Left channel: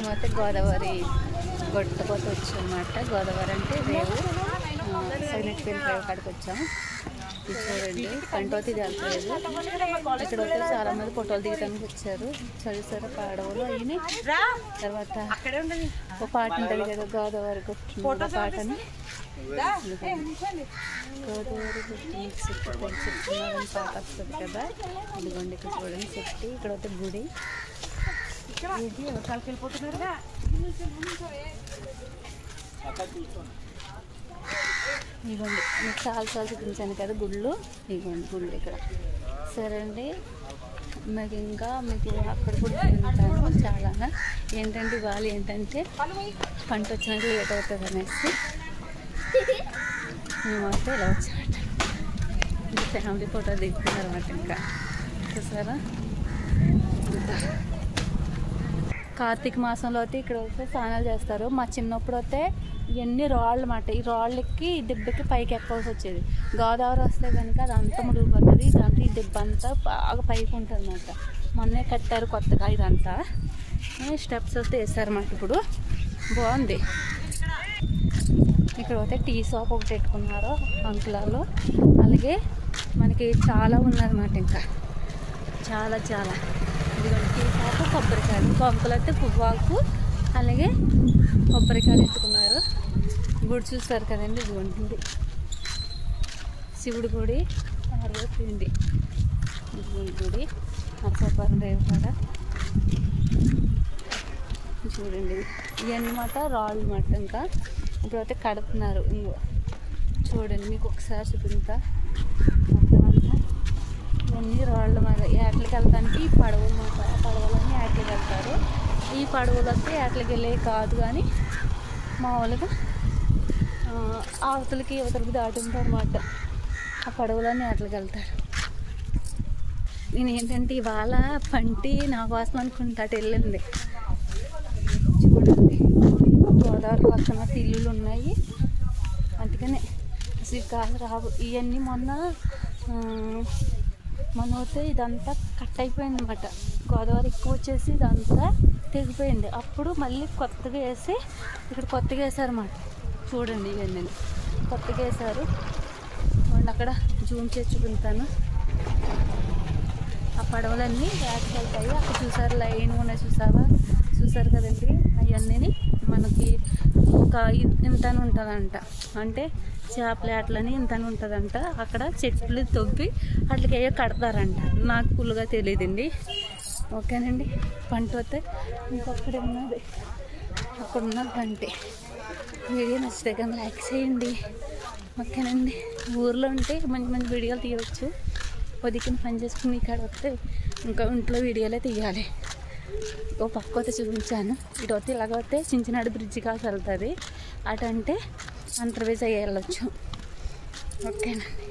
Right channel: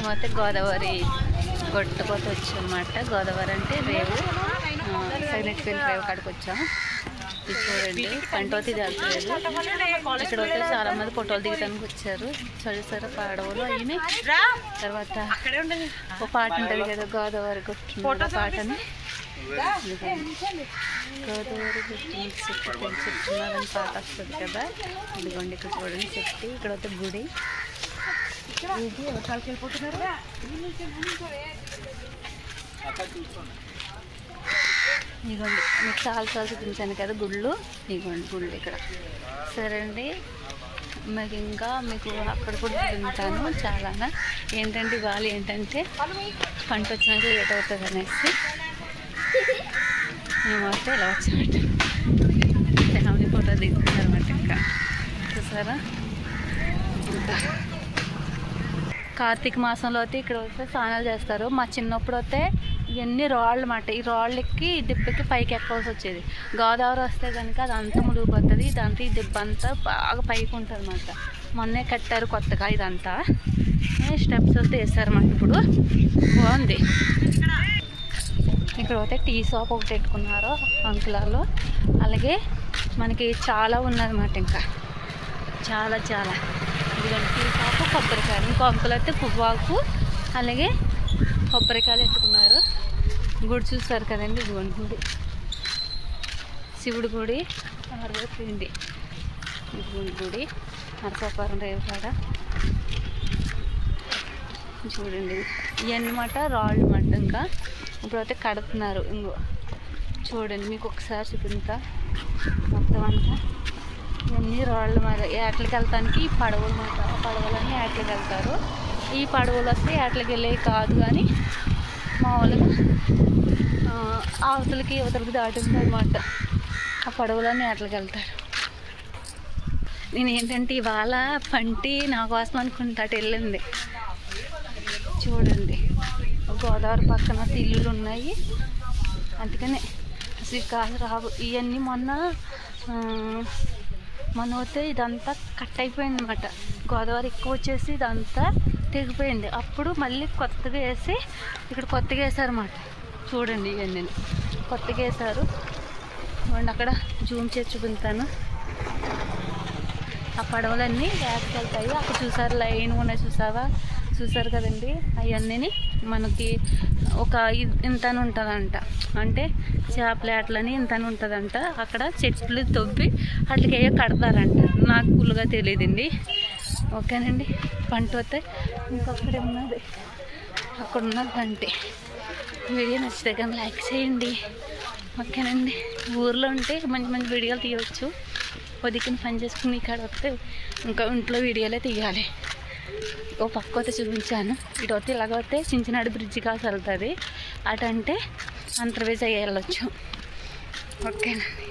మేమైతే గోదావరి గొట్టపోతే వచ్చాం అన్నమాట. గోదావరి అంటే రేవు, సైలెంట్ ఫీల్ రేవు కాడికి వచ్చాము. ఇది చూడండి, పంటోతి జరగలేదు. ఇక్కడ వచ్చి చాలా మంది ఫోటోలు దిగడానికి వచ్చారు. చదువుతారా పాడవలు అయినాయి. తర్వాత ఒక పాట ఉంటుంది కదా, గోదావరి గొట్టు పాటని. గోదావరి గొట్టు చెప్తున్నారని పాట వస్తుంది కదా. ఇదిగోండి ఇక్కడ చూడండి చెట్టు. ఇక్కడ వస్తే గుడి. ఇదిగోండి మీకు చాలా చూపించాను కదా గుళ్ళు. ఇదిగోండి గుళ్ళు ఇక్కడ. సరే అండి, మీకు ఇంకా మీకు అక్కడ కూడా తింటాను చాలా. ఏంటంటే ఇవాళ ఏంటంటే పంట వచ్చినాక లేట్ అవుతుంది అనేసి మేమైతే ఇలా వచ్చామట. ఫ్యామిలీ ఫోటో దిగుతున్నారు అన్నమాట. ఇంకా చూసారా, ఇంకా కార్తీక మాసంలో అయితే ఇక్కడ వస్తే స్నానాలు చేస్తారు. మా చిన్నప్పుడు అయితే ఇవన్నీ రాళ్ళు అన్నమాట. ఈ రాళ్ళకి దెబ్బకి పైకి ఎక్కవలసి వచ్చేది. గోదావరి వస్తే కనుక అది అంతా ముడిగిపోతుంది. ఇదంతా ఈ దెబ్బ అంతా బాగా పైకి ఉంటుంది అన్నమాట. మొన్నే కట్టారు కొత్తగా ఇదంతా. స్టెప్స్ వస్తే వేస్తారన్నమాట. ఇప్పుడు బాగుంది. ఇక్కడ అయితే టీ షాప్ ఒకటి పెట్టుకున్నారు అంకులాలు. అలాగే మనకి చాలా ఉన్నదన్నమాట. ఇంకా చాలా ఇదిగోండి టీ షాపు, కొబ్బరికాయలు. ఇంకో అంకులు అయితే పువ్వాకు అలాగే కొబ్బరికాయలు ఎత్తుకున్నారు. గుడి చూస్తారు కదండి, ఇదిగోండి గుడి, శివుడి గుడి, పార్వతీండి. ఇదిగోండి గుడి, నరసాపురం రేవుకాడ. చూడండి ఇవన్నీ మాట రాళ్ళు మాట. ఇంకా ఇప్పుడైతే కడుతున్నారు. ఇంకో చూడండి మీకు ఒకసారి చూపించా మొత్తం అంతా. ఇవన్నీ రాళ్ళు మాట. ఏట్లకి వెళ్తానికి పడవలు మాట. పడవలన్నీ ఏట్లకి వెళ్తారు. ఈ పడవలు వస్తే ఏట్లకి వెళ్ళే కాదు, కానీ మామూలుగా అవతలకి యువతలకి దాటింది అనమాట. ఆ పడవలన్నీ ఏట్లకి వెళ్తారు. నేను ఏంటంటే ఇవాళ పంటి నా కోసం అనుకుంటా అటు వెళ్ళింది. చూడండి గోదావరి పక్కన ఇల్లులు ఉన్నాయి. అందుకనే అసలు కాదు రావు. ఇవన్నీ మొన్న వస్తే ఇదంతా కట్ అయిపోయింది అనమాట. గోదావరి ఎక్కువ వచ్చేసి ఇదంతా తెగిపోయింది. అప్పుడు మళ్ళీ కొత్తగా వేసి ఇక్కడ కొత్తగా వేసారన్నమాట. చూడండి ఇవన్నీ కొత్తగా వేసారు. చూడండి అక్కడ జూమ్ చేసి చూపించాను. ఆ పడవలన్నీ వేసుకెళ్తాయి. అక్కడ చూసారు లైన్ ఉన్నాయి, చూసారు కదండి. అవన్నీ మనకి ఒక ఇంతని ఉంటుందంట. అంటే చేపల అట్లని ఇంతని ఉంటుందంట. అక్కడ చెట్లు తవ్వి అట్లకి అయ్యో కడతారంట. నాకు ఫుల్గా తెలియదండి. ఓకేనండి, పంట వస్తే ఇంకొక్కడే ఉన్నది, అక్కడ ఉన్నది పంటే. వీడియో నచ్చితే కానీ లైక్ చేయండి. ఓకేనండి, ఊర్లో ఉంటే మంచి వీడియోలు తీయవచ్చు. పొద్దుకుని పని చేసుకుని ఇక్కడ వస్తే ఇంకా ఇంట్లో వీడియోలే తీయాలి. ఓ పక్క వస్తే చూపించాను. ఇటు వస్తే ఇలాగ వస్తే చించినాడు బ్రిడ్జి కాసి వెళ్తుంది. అటంటే అంతర్వేజ్ అయ్యి వెళ్ళొచ్చు. ఓకేనండి.